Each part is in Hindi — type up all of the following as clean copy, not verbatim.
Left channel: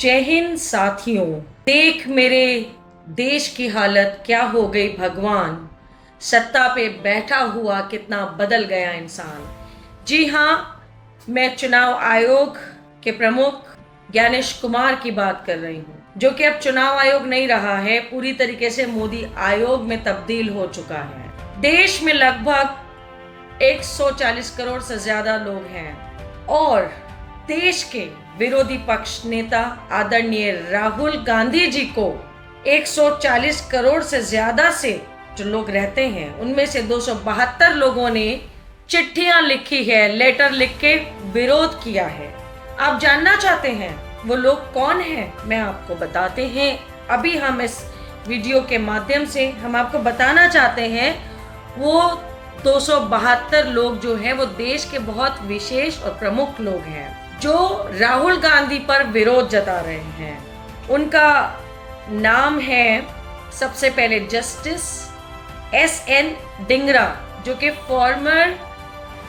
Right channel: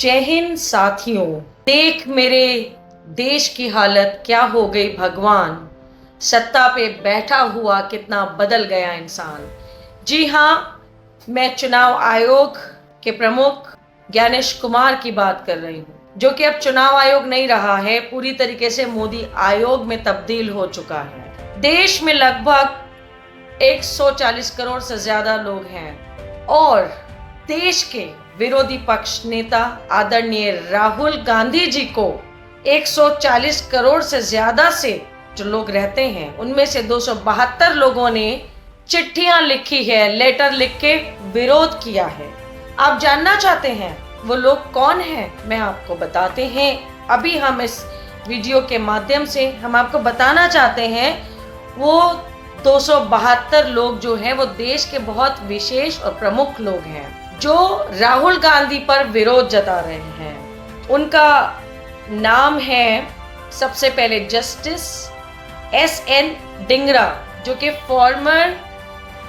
जय हिंद साथियों। देख मेरे देश की हालत क्या हो गई भगवान, सत्ता पे बैठा हुआ कितना बदल गया इंसान। जी हाँ, मैं चुनाव आयोग के प्रमुख ज्ञानेश कुमार की बात कर रही हूँ, जो कि अब चुनाव आयोग नहीं रहा है, पूरी तरीके से मोदी आयोग में तब्दील हो चुका है। देश में लगभग 140 करोड़ से ज्यादा लोग हैं और देश के विरोधी पक्ष नेता आदरणीय राहुल गांधी जी को 140 करोड़ से ज्यादा से जो लोग रहते हैं, उनमें से 272 लोगों ने चिट्ठियां लिखी है, लेटर लिख के विरोध किया है। आप जानना चाहते हैं वो लोग कौन हैं? मैं आपको बताते हैं। अभी हम इस वीडियो के माध्यम से हम आपको बताना चाहते हैं वो 272 लोग जो हैं वो देश के बहुत विशेष और प्रमुख लोग हैं जो राहुल गांधी पर विरोध जता रहे हैं। उनका नाम है सबसे पहले जस्टिस SN डिंगरा, जो कि फॉर्मर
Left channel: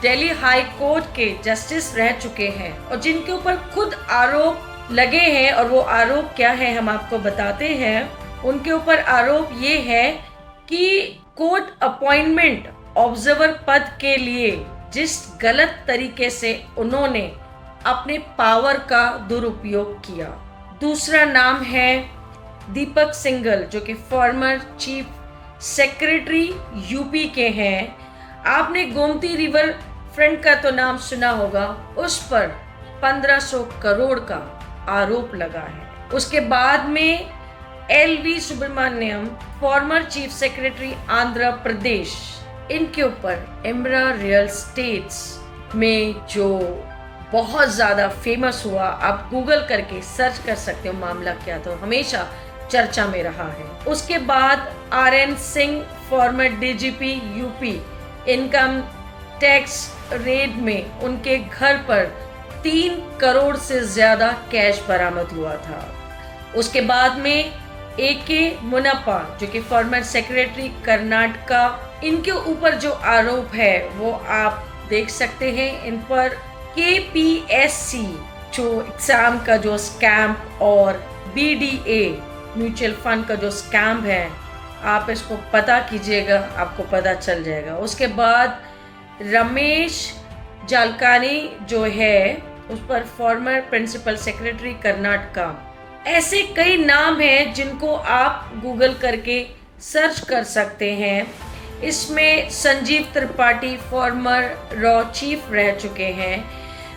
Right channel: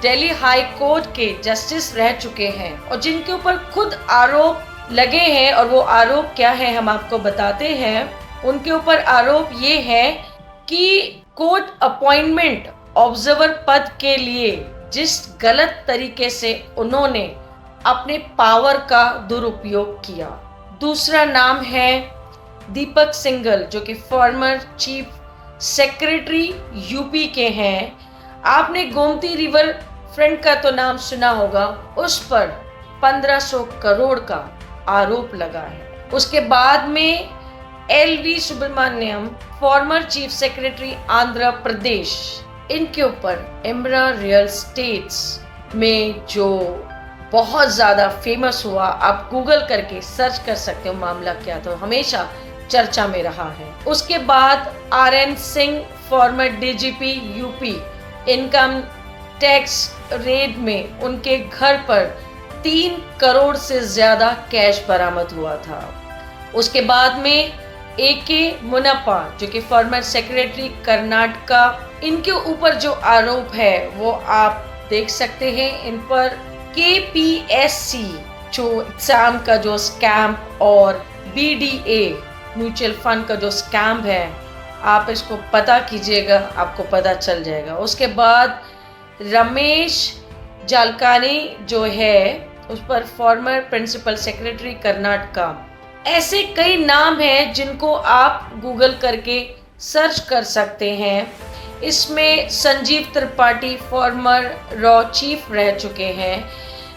दिल्ली हाई कोर्ट के जस्टिस रह चुके हैं और जिनके ऊपर खुद आरोप लगे हैं। और वो आरोप क्या है हम आपको बताते हैं। उनके ऊपर आरोप ये है कि कोर्ट अपॉइंटमेंट ऑब्जर्वर पद के लिए जिस गलत तरीके से उन्होंने अपने पावर का दुरुपयोग किया। दूसरा नाम है दीपक सिंघल, जो कि फॉर्मर चीफ सेक्रेटरी यूपी के हैं। आपने गोमती रिवर फ्रंट का तो नाम सुना होगा, उस पर 1500 करोड़ का आरोप लगा है। उसके बाद में LV Subramanyam, former chief secretary Andhra Pradesh, इनके ऊपर एमरा रियल स्टेट्स में जो बहुत ज़्यादा फेमस हुआ, आप गूगल करके सर्च कर सकते हो मामला क्या, तो हमेशा चर्चा में रहा है। उसके बाद RN Singh, farmer DGP UP, income tax raid में उनके घर पर 3 करोड़ से ज़्यादा कैश बरामद हुआ था। उसके बाद में AK मुनप्पा, जो कि फॉर्मर सेक्रेटरी कर्नाटका, इनके ऊपर जो आरोप है वो आप देख सकते हैं। इन पर KPSC जो एग्जाम का जो स्कैम और BDA म्यूचुअल फंड का जो स्कैम है, आप इसको पता कीजिएगा, आपको पता चल जाएगा। उसके बाद रमेश जालकानी जो है, उस पर फॉर्मर प्रिंसिपल सेक्रेटरी कर्नाटका। ऐसे कई नाम हैं जिनको आप गूगल करके सर्च कर सकते हैं। इसमें Sanjeev Tripathi farmer raw chief रह चुके हैं।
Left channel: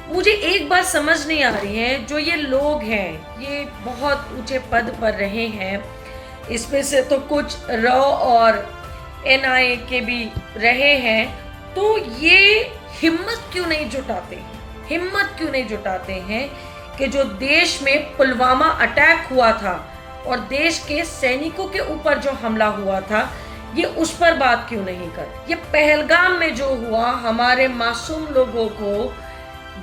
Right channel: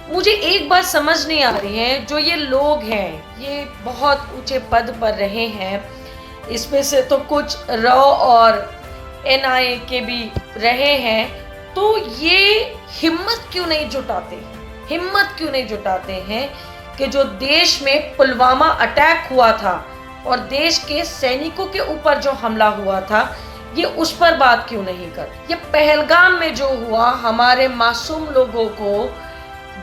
मुझे एक बात समझ नहीं आ रही है, जो ये लोग हैं ये बहुत ऊंचे पद पर रहे हैं, इसमें से तो कुछ रॉ और NIA के भी रहे हैं, तो ये हिम्मत क्यों नहीं जुटाते हैं कि जो देश में पुलवामा अटैक हुआ था और देश के सैनिकों के ऊपर जो हमला हुआ था, ये उस पर बात क्यों नहीं कर। ये पहलगाम में जो हुआ, हमारे मासूम लोगों को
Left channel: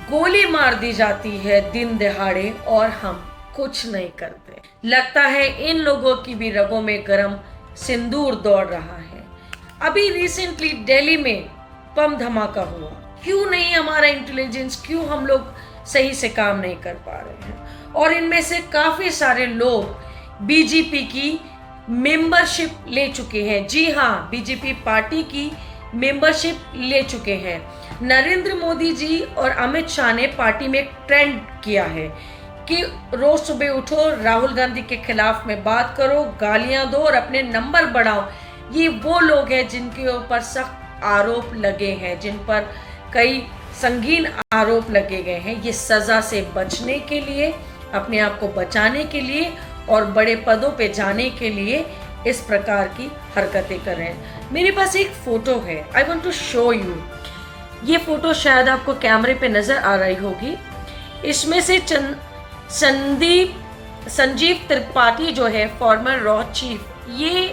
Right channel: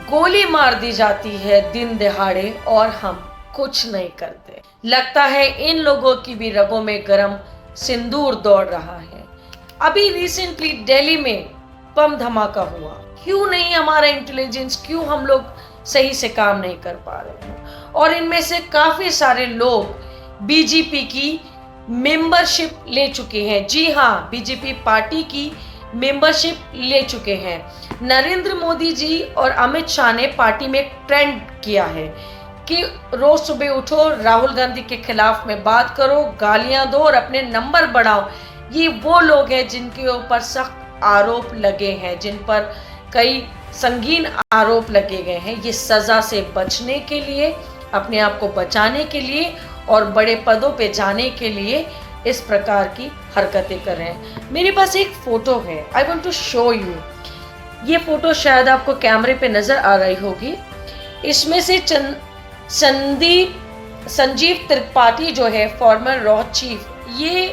गोली मार दी जाती है दिन दहाड़े और हम कुछ नहीं करते। लगता है इन लोगों की भी रगों में गरम सिंदूर दौड़ रहा है। अभी रिसेंटली दिल्ली में बम धमाका हुआ, क्यों नहीं हमारा इंटेलिजेंस, क्यों हम लोग सही से काम नहीं कर पा रहे हैं? और इनमें से काफी सारे लोग BJP की मेंबरशिप ले चुके हैं। जी हाँ, BJP पार्टी की मेंबरशिप ले चुके हैं। नरेंद्र मोदी जी और अमित शाह ने पार्टी में एक ट्रेंड किया है कि रोज सुबह उठो, राहुल गांधी के खिलाफ में बात करो, गालियां दो और अपने नंबर बढ़ाओ। ये वो लोग हैं जिनके ऊपर सख्त आरोप लगे हैं, जिन पर कई संगीन आरोप लगे गए हैं। ये सजा से बचने के लिए, अपने आप को बचाने के लिए और बड़े पदों पे जाने के लिए इस प्रकार की हरकतें कर रहे हैं। मेरे पास एक फोटो है, I want to show you. ये फोटो शायद आपको कैमरे पे नजर आ रही होगी। इसमें से संजीव त्रिपाठी जो है फॉर्मर रॉ चीफ, ये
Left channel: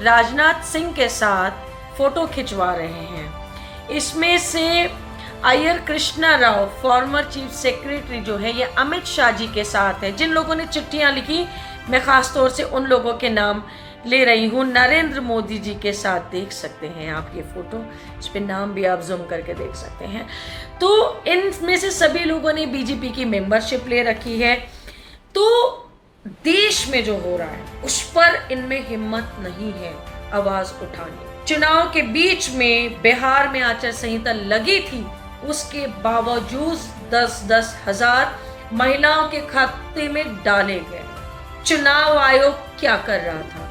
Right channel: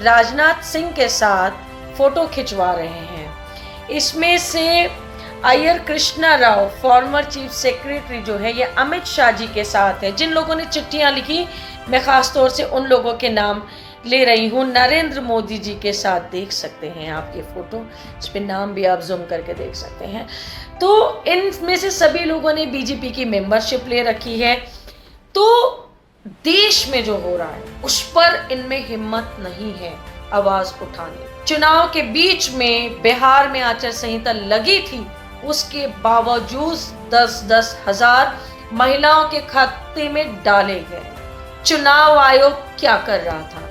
राजनाथ सिंह के साथ फोटो खिंचवा रहे हैं। इसमें से Iyer Krishna Rao farmer chief secretary जो है, ये अमित शाह जी के साथ है। जिन लोगों ने चिट्ठियां लिखी, मैं खास तौर से उन लोगों के नाम ले रही हूँ। नरेंद्र मोदी जी के साथ देख सकते हैं आप ये फोटो, इस पे नाम भी आप जूम करके देख सकते हैं। तो इनमें से सभी लोगों ने BJP की मेंबरशिप ले रखी है। तो देश में जो हो रहा है उस पर इनमें हिम्मत नहीं है आवाज उठाने। चुनाव के बीच में बिहार में आचार संहिता लगी थी, उसके बावजूद 10-10 हजार महिलाओं के खाते में डाले गए। चुनाव आयोग क्या कर रहा था?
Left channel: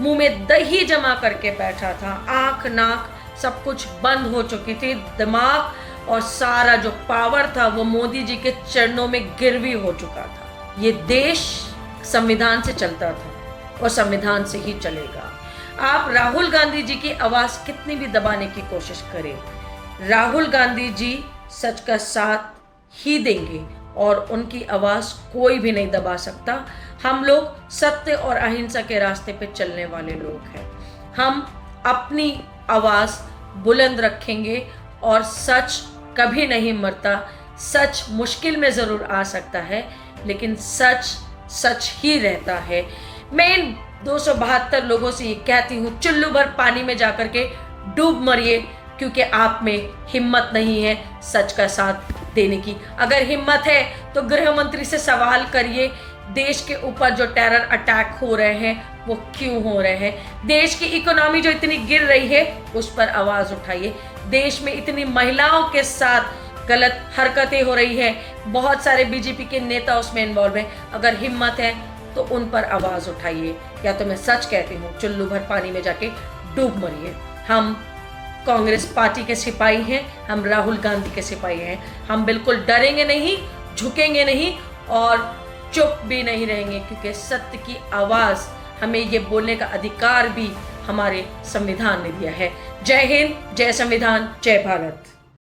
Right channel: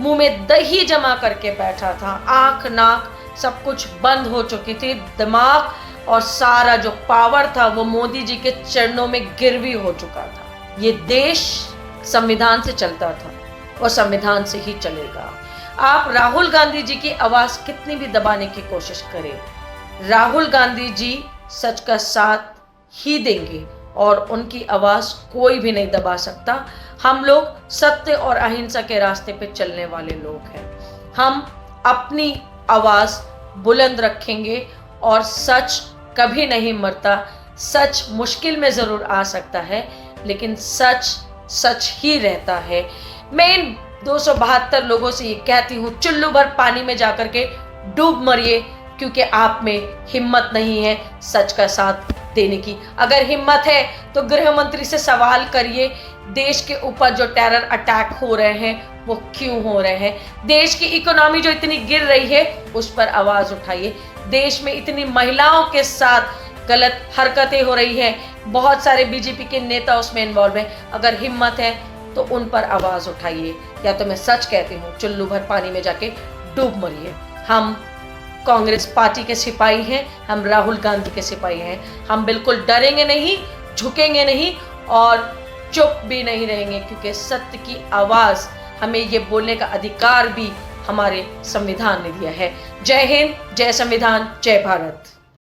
मुंह में दही जमा करके बैठा था, आंख नाक सब कुछ बंद हो चुकी थी, दिमाग और सारा जो पावर था वो मोदी जी के चरणों में गिरवी हो चुका था। ये देश संविधान से चलता था और संविधान से ही चलेगा। आप राहुल गांधी जी की आवाज कितनी भी दबाने की कोशिश करें, राहुल गांधी जी सच का साथ ही देंगे और उनकी आवाज कोई भी नहीं दबा सकता। हम लोग सत्य और अहिंसा के रास्ते पे चलने वाले लोग हैं। हम अपनी आवाज बुलंद रखेंगे और सच कभी नहीं मरता। सच मुश्किल में जरूर आ सकता है, लेकिन सच सच ही रहता है। मैं इन 272 लोगों से ये कहती हूँ, चुल्लू भर पानी में जाकर के डूब मरिए, क्योंकि आप में हिम्मत नहीं है सच का साथ देने की। अगर हिम्मत है तो गृह मंत्री से सवाल करिए, देश के ऊपर जो टेरर अटैक हो रहे हैं वो क्यों हो रहे हैं? देश की इकोनॉमी जो इतनी गिर रही है उस पर आवाज उठाइए। देश में इतनी महिलाओं के साथ गलत हरकतें हो रही है, बहुत सारे बीजेपी के नेता उसमें इन्वॉल्व हैं। अगर हिम्मत है तो उन पर आवाज उठाइए, या तो मैं सच कहती हूँ चुल्लू भर पानी में जाके डूब मरिए। हम कांग्रेस पार्टी के सिपाही हैं, हम राहुल गांधी के सिपाही हैं। हम बिल्कुल डरेंगे नहीं, झुकेंगे नहीं और चुप भी नहीं रहेंगे, क्योंकि सत्य की आवाज हमें ये बोलने का अधिकार भी हमारे संविधान ने दिया है। जय हिंद, जय संविधान, जय भारत।